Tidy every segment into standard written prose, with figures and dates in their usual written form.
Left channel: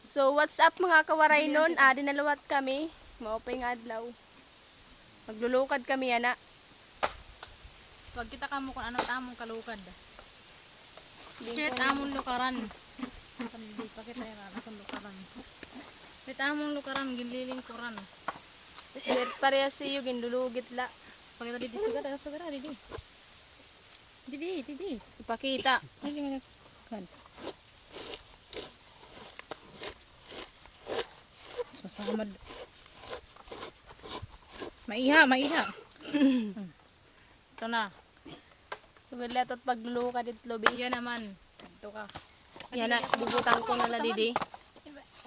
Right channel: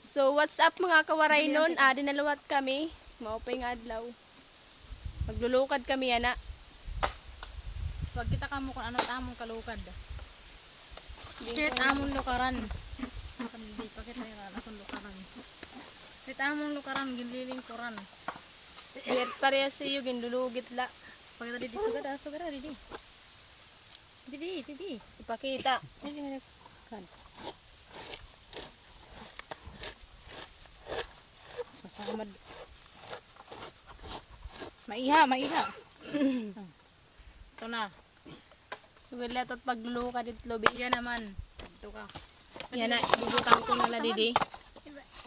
So what's up mga kawaray nun? Dinalawat kami. Maupay nga adlaw. Maglulukad kami yana. Pag kita kamo kung ano tamong kalukad. Sit among lukaran. Hindi pa kita yan akong lukaran. Sit among lukaran ginliling kuran. Yer pareha siyo ginlulugit la. Pagkita didi sugara didi. Didi. Ipakita. Ay sad. Masamad. Maiha. Ito na. Sugad lahat at paglulukad it lobi. Yan naman. Ito ka. Yan na, bubutang ko na la didi.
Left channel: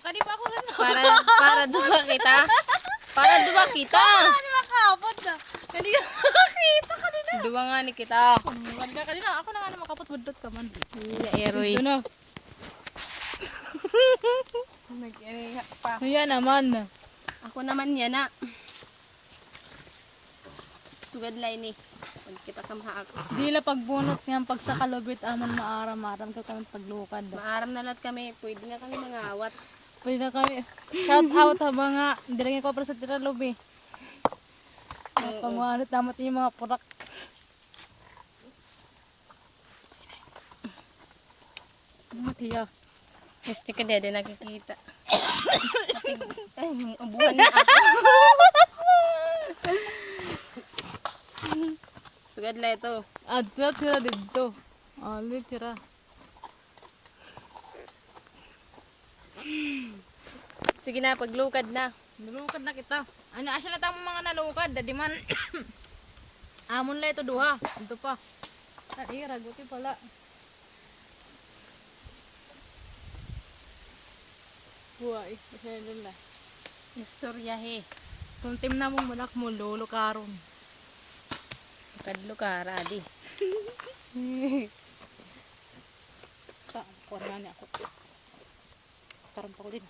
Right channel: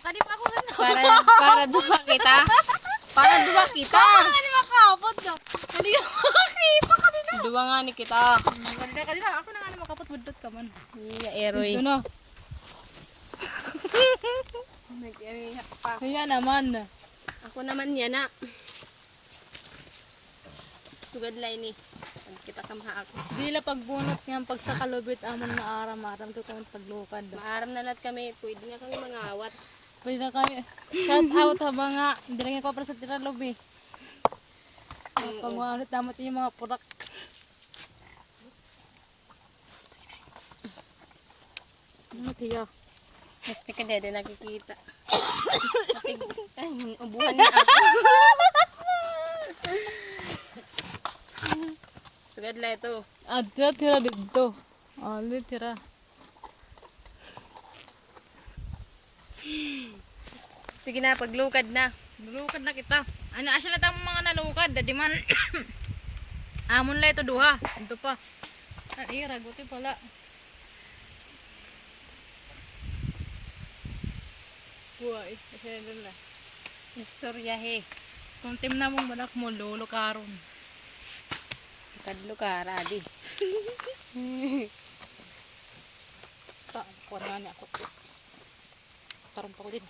Kadi pa ako ganda. Para duwa kita. Para duwa kita. Hindi makapot na. Hindi ka makakita kanina. Duwa nga ni kita. Kanina ako na nga makapot budot ka man. Iya, eroy. Ito na. Yan naman. Ako naman yan na. Sugad la ini. Pag kita kamaha ako. Dila pagbunot niyang pagsakalubit amon maaram-aram ka kung paglukad. Maaram na lahat kami. Pwede na kami mga awat. Pwede na kami. Shout out haba nga. Hindi lang ko para sa tiralubi. Pagwanit naman yung mga purak. Matiya. Gusto ka dede nakikita. Ay, ubuhan na ako. Sugad la ito. Tira dito. Tira. Sige na, paglukad na. Nalukad na kita. Ano, asya na tamang mga nalukad. Dadi man. Amon la ito duha. Ito pa. Ay, raguti pala. Buhay. Kasi doon na. Istorya he. Kung tim na mong balak mo, lolo karon. Kadlo ka, radi. Kuha na ako. Karon pa ko din.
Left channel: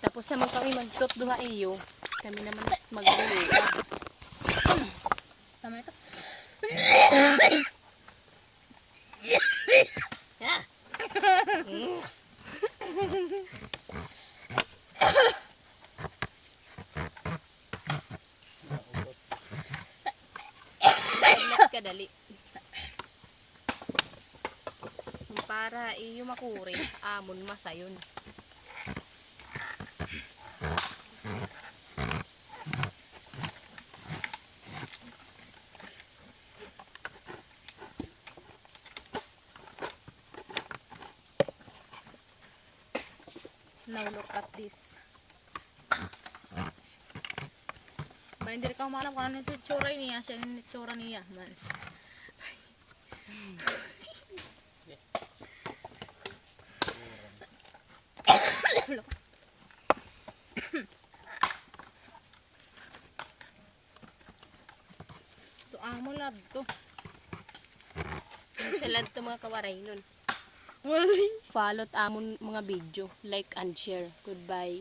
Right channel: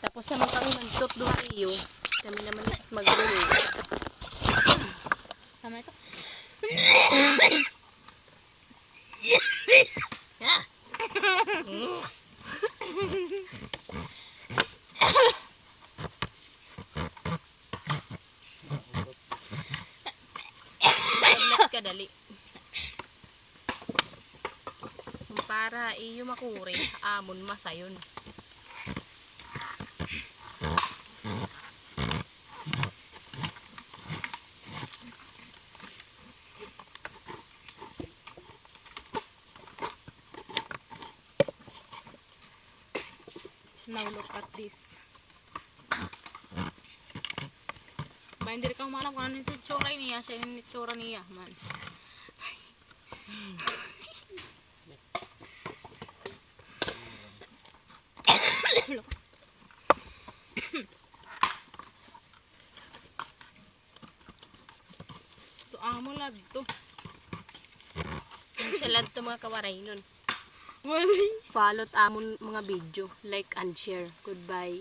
Tapos naman kami magtot duha iyo. Kami naman maglulukad. Tama ito. Saglit ka dali. Para iyo makuri, amon masayon. Now look at this. Ba hindi ka malam kung ano yung tsura niya. Siya yung tsura niya man. So amo lad to. Siya lang ito mga kawaray nun. Wali. Follow amon mga video. Like and share. Goodbye.